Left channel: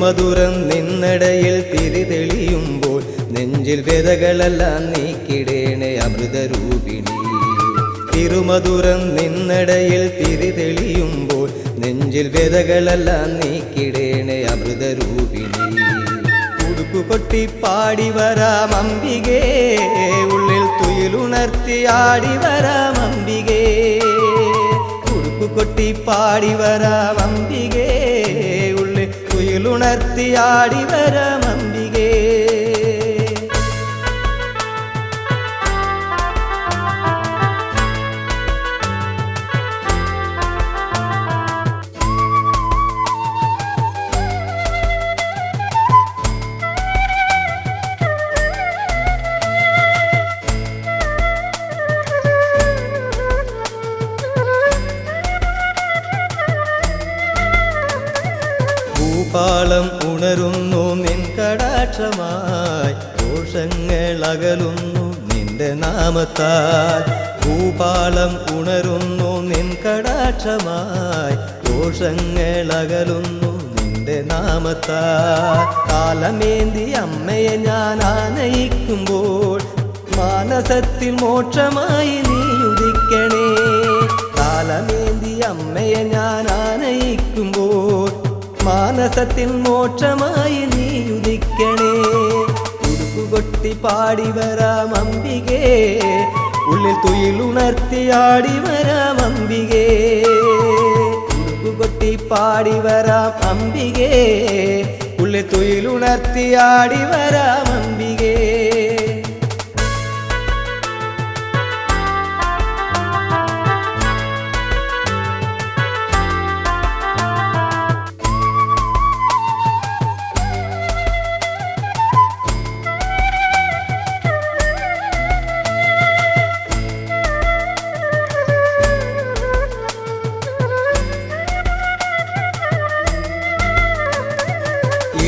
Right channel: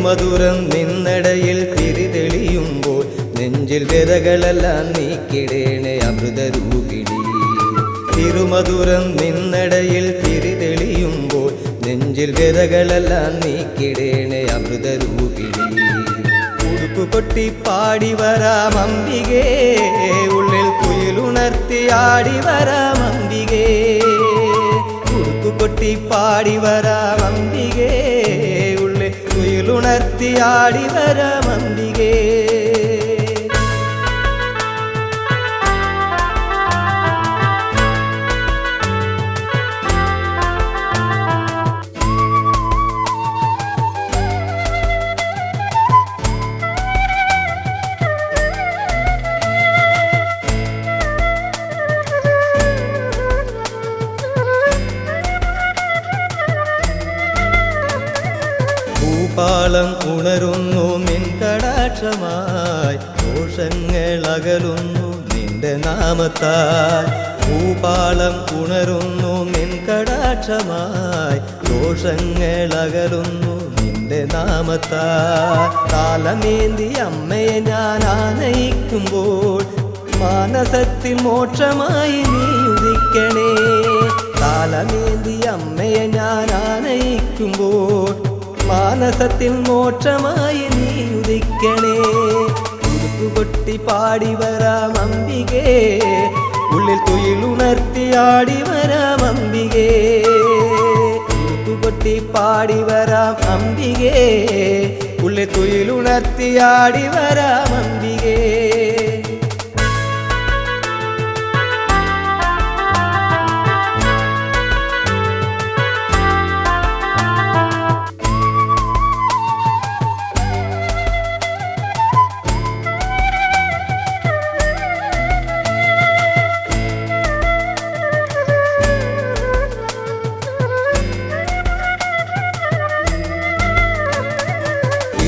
തിരുമധുരം നിന്നിടയിൽ തിരിതെളിയുമ്പോൾ നെഞ്ചിൽ വ്യതകളെല്ലാം നീക്കിടേണേ അമൃതരൂപിണി. തിരുമധുരം നിന്നിടയിൽ തിരിതെളിയുമ്പോൾ നെഞ്ചിൽ വ്യതകളെല്ലാം നീക്കിടേണേ അമൃതരൂപിണി. ഉടുക്കുകൊട്ടി പാടി വരാം അംബികേ, ഉള്ളിൽ തുയിലുണർത്തി ആടി വരാം അംബികേ. ഉടുക്കുകൊട്ടി പാടി വരാം അംബികേ, ഉള്ളിൽ തുയിലുണർത്തി ആടി വരാം അംബികേ. ഭൂപാളം ഉണരുന്നു നിൻ കടാക്ഷമായി, ദോഷങ്ങൾ അകലുന്നു നിന്റെ നാമത്താൽ. ഭൂപാളം ഉണരുന്നു നിൻ കടാക്ഷമായി, ദോഷങ്ങൾ അകലുന്നു നിന്റെ നാമത്താൽ. കാലമേന്തി അമ്മയെ ഞാൻ ആനയിക്കുമ്പോൾ മാനസത്തിൽ മോക്ഷമായി നീ ഉദിക്കണേ. കാലമേന്തി അമ്മയെ ഞാൻ ആനയിക്കുമ്പോൾ മാനസത്തിൽ മോക്ഷമായി നീ ഉദിക്കണേ. ഉടുക്കുകൊട്ടി പാടി വരാം അംബികേ, ഉള്ളിൽ തുയിലുണർത്തി ആടി വരാം അംബികേ. ഉടുക്കുകൊട്ടി പാടി വരാം അംബികേ, ഉള്ളിൽ തുയിലുണർത്തി ആടി വരാം അംബികേ.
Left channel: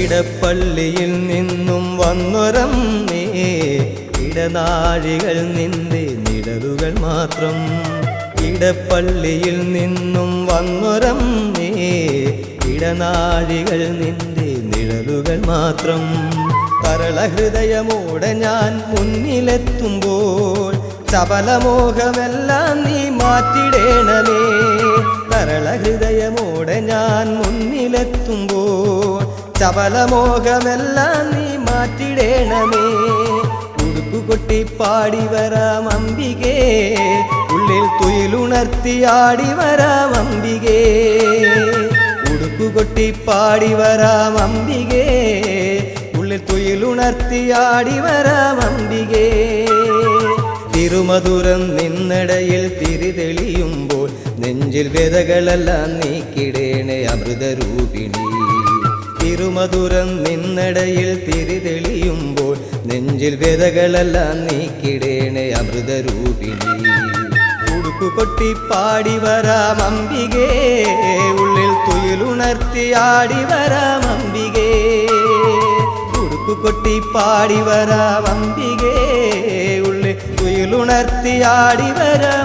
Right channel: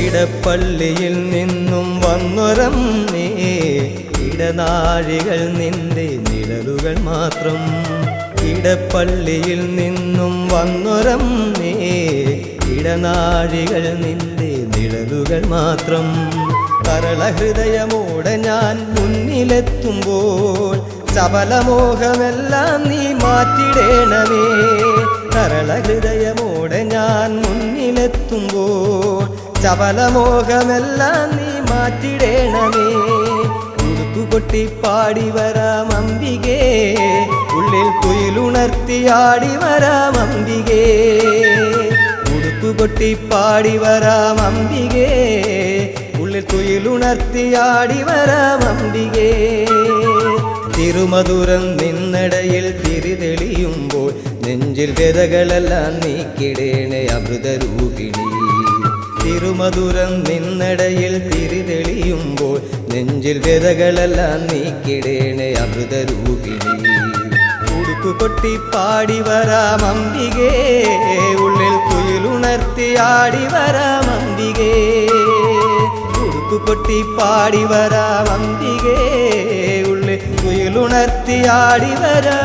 ഇടപ്പള്ളിയിൽ നിന്നും വന്നൊരമ്മേ, ഇടനാഴികൾ നിന്റെ നിഴലുകൾ മാത്രം. ഇടപ്പള്ളിയിൽ നിന്നും വന്നൊരമ്മേ, ഇടനാഴികൾ നിന്റെ നിഴലുകൾ മാത്രം. സരളഹൃദയമോടെ ഞാൻ മുന്നിലെത്തുമ്പോൾ സബലമോഹമെല്ലാം നീ മാറ്റിടേണമേ. സരളഹൃദയമോടെ ഞാൻ മുന്നിലെത്തുമ്പോൾ സബലമോഹമെല്ലാം നീ മാറ്റിടേണമേ. ഉടുക്കുകൊട്ടി പാടി വരാം അംബികേ, ഉള്ളിൽ തുയിലുണർത്തി ആടി വരാം അംബികേ. ഉടുക്കുകൊട്ടി പാടി വരാം അംബികേ, ഉള്ളിൽ തുയിലുണർത്തി ആടി വരാം അംബികേ. തിരുമധുരം നിന്നിടയിൽ തിരിതെളിയുമ്പോൾ നെഞ്ചിൽ വ്യതകളെല്ലാം നീക്കിടേണേ അമൃതരൂപിണി. തിരുമധുരം നിന്നിടയിൽ തിരിതെളിയുമ്പോൾ നെഞ്ചിൽ വ്യതകളെല്ലാം നീക്കിടേണേ അമൃതരൂപിണി. ഉടുക്കുകൊട്ടി പാടി വരാം അംബികേ, ഉള്ളിൽ തുയിലുണർത്തി ആടി വരാം അംബികേ. ഉടുക്കുകൊട്ടി പാടി വരാം അംബികേ, ഉള്ളിൽ തുയിലുണർത്തി ആടി വരാം